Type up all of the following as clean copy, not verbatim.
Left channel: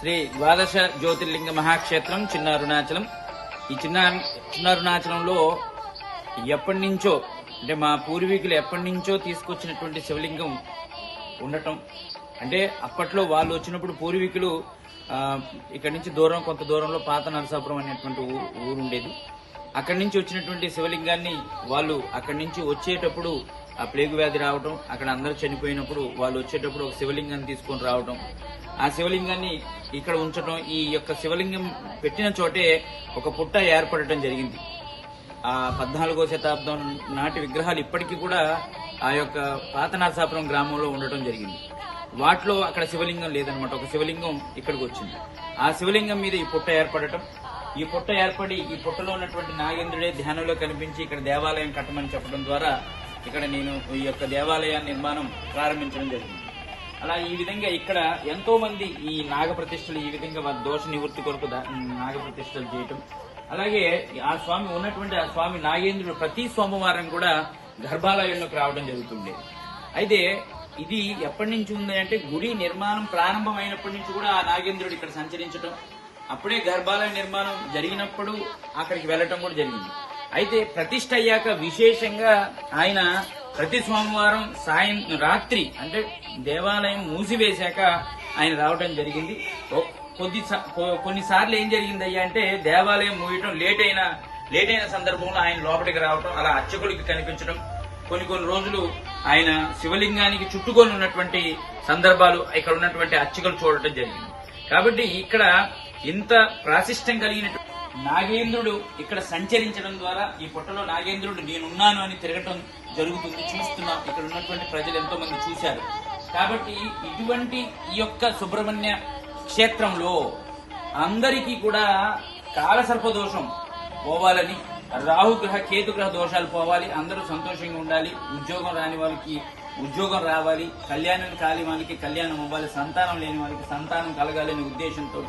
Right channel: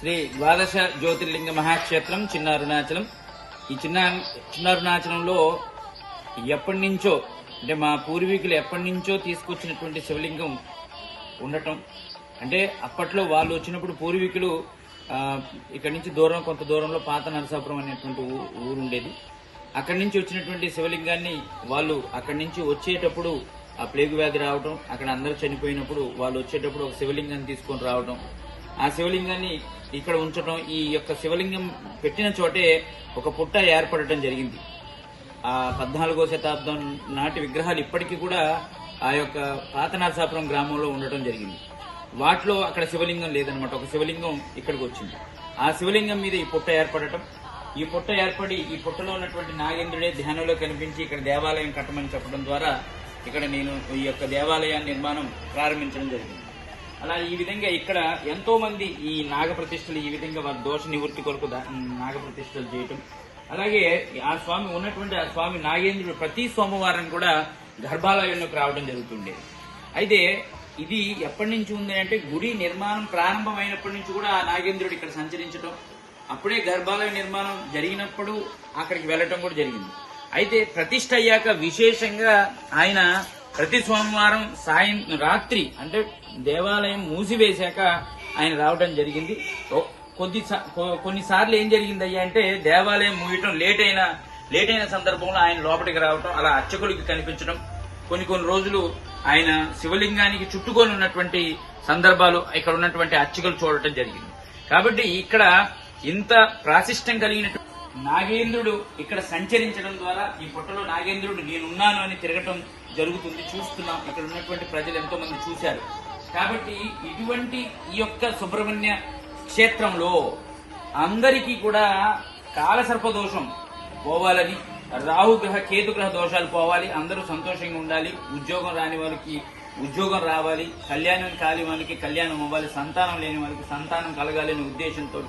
శ్రీ ద్వాదశ జ్యోతిర్లింగ మహాక్షేత్రం చిన్న అరుణాచలం. ఈ చిన్న అరుణాచలంలో ఎప్పటి నుంచో అంటే మా పూర్వీకులు ఎప్పటి నుంచో తీసుకొచ్చినటువంటి శివలింగం ఉండటం, అంటే అప్పట్లో వాళ్ళు వచ్చినప్పుడు పూర్వీకులు ఇక్కడి నుంచి కొంత దూరంలో పాత నరసాపురం అనేటువంటి ఊరు ఉండేది. అక్కడి నుంచి వచ్చినటువంటి శివలింగాన్ని వాళ్ళు అక్కడి నుంచి వచ్చేటప్పుడు ఆ ప్లేగు వ్యాధి రావడం, అక్కడ అందరూ చనిపోయినప్పుడు వాళ్ళు వచ్చేటప్పుడు ఒక శివలింగాన్ని తీసుకొని రావడం, ఆ శివలింగాన్ని ఇక్కడ ఉంచడం, ఈ యొక్క శివలింగం పెట్టిన చోటే ఒక పుట్ట ఏర్పడటం జరిగింది. ఆ 14వ శతాబ్దం నాటి విగ్రహాలు ఇప్పటికీ కూడా ఆ యొక్క పాత నరసాపురం గ్రామంలో ఉండటం జరిగింది. వాటిలో అక్కడ శివలింగం లేదనమాట, ఒక శివలింగం ఇక్కడికి వచ్చింది. ఆ శివలింగం మీద ఈ పుట్ట ఏర్పడటం, ఈ పుట్ట ఏర్పడి ఈ పుట్టలో ఉన్నటువంటి నాగేంద్రుడే ధ్యానంలో కనిపించి ఇక్కడ దేవాలయం కట్టమని చెప్పడం ద్వారా ఇక్కడ నేను ఈ యొక్క దేవాలయాన్ని నిర్మాణం ప్రారంభించడం జరిగింది. అలా ఈ విధంగా ఇక్కడ ఎంతో మంది ఈ నాగప్రతిష్టలు ఈ విధంగా వారి దోష నివృత్తి కొరకు నాగప్రతిష్టలు చేయటం, అలాగే ఆ స్వామి ఉన్నటువంటి ఆ స్వామి నాగేంద్రుడు ప్రతి సోమవారం కూడా గర్భాలయంలోకి రావడం జరుగుతుండేది. అయితే ఇది ఎప్పటి నుంచి ఉంది అంటే గుడి నిర్మాణం ప్రారంభమైనప్పటి నుంచి కూడా ఆ నాగేంద్రుడు ఇక్కడ సంచరించడం, అప్పుడే గర్భాలయ నిర్మాణం జరిగినప్పుడు అక్కడికి వెళ్లటం కూడా జరిగింది. అయితే ప్రతిష్ఠ అయ్యాక విశేషంగా ఆయన ప్రతి సోమవారం రాత్రి అంటే దేవాలయం మూసివేశాక ఆయన రావడం జరిగింది. కొన్నిసార్లు ఏం జరిగిందయ్యా అంటే దేవాలయం మూయటం లేట్ అయిన సందర్భంలో ఆయన లోపలికి రావటం, అలా అర్చకులకి కనిపించడం, కొన్ని రోజులు ఆయన శివలింగానికి చుట్టుకొని ఉన్నటువంటి సందర్భాలు ఇక్కడ ఉన్నటువంటి అర్చకులు చూడటం జరిగింది. కాబట్టి ఇక్కడ ఇంత ప్రాశిష్టం కలిగిన నాగేంద్రుడు ఇక్కడ సంచరించడం ద్వారా ఈ పుట్టలో నాగేంద్రుడు నేనున్నాను అని తిరగటం జరుగుతుంది. చూస్తున్నాం, ఇక్కడ ఉన్నటువంటి ప్రజలు ఎంతో మంది చూశారు. కాబట్టి ఇటువంటి ఈ యొక్క సుబ్రహ్మణ్య క్షేత్రంలో అందరికీ కూడా కాలసర్పదోషం పోవాలని, రాహుగ్రహ కేతుగ్రహ దోషాలు పోవాలి, అందరూ సంతోషంగా ఉండాలి, ఉద్యోగం రాని వాళ్ళకి ఉద్యోగం రావాలి, కళ్యాణం కాని వాళ్ళకి కళ్యాణం అవ్వాలి, సంతానం లేని వాళ్ళకి సంతానం కలగాలనే ఉద్దేశంతో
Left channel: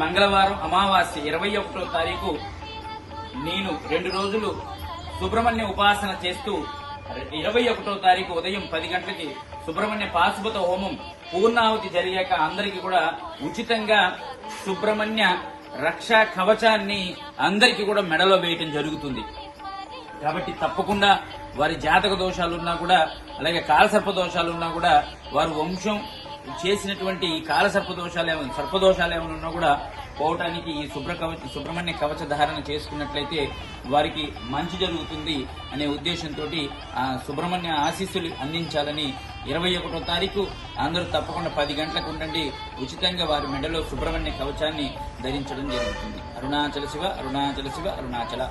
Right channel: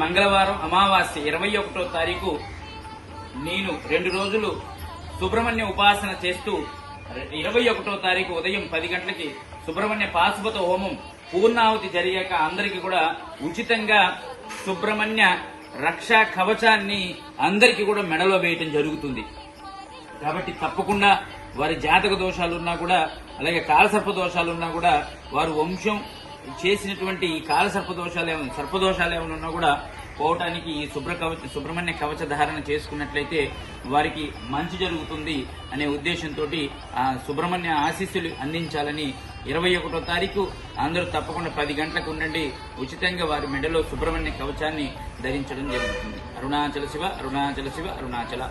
మంగళవారం అమావాస్య 21వ తారీఖు నేను 2 రోజులు సుబ్రహ్మణ్య ఉపాసన చేస్తూ 21వ తారీఖు ఉదయం 10 గంటలకి సుబ్రహ్మణ్య పాశుపత హోమం పూర్ణాహుతి జరిగాక అందరికీ కూడా ఉచితంగా సుబ్రహ్మణ్య రక్షా కవచాన్ని అందరికీ కూడా మెడలో వేయటం జరుగుతుంది. కాబట్టి తప్పకుండా వారి జాతక దోషాలున్నా కూడా, అలాగే కాలసర్ప దోషాలున్నా కూడా, వారు వంశం చేసినటువంటి సర్పదోషాలు ఏమైనా ఉన్నా కూడా పోవటానికి ఈ సుబ్రహ్మణ్య కవచ ధారణ చేసుకున్నట్లయితే వారికి మంచి జరుగుతుంది అనే ఉద్దేశంతో ఆ సుబ్రహ్మణ్య ఆశీస్సులు అందించాలని 21వ తారీఖు అందరూ తప్పకుండా 10 గంటలకు ఉండండి. ఉచితంగా వారి మెడలో సుబ్రహ్మణ్య కవచాన్ని ధరించడం జరుగుతుంది. అరుణాచల శివ, అరుణాచల శివ, అరుణాచల.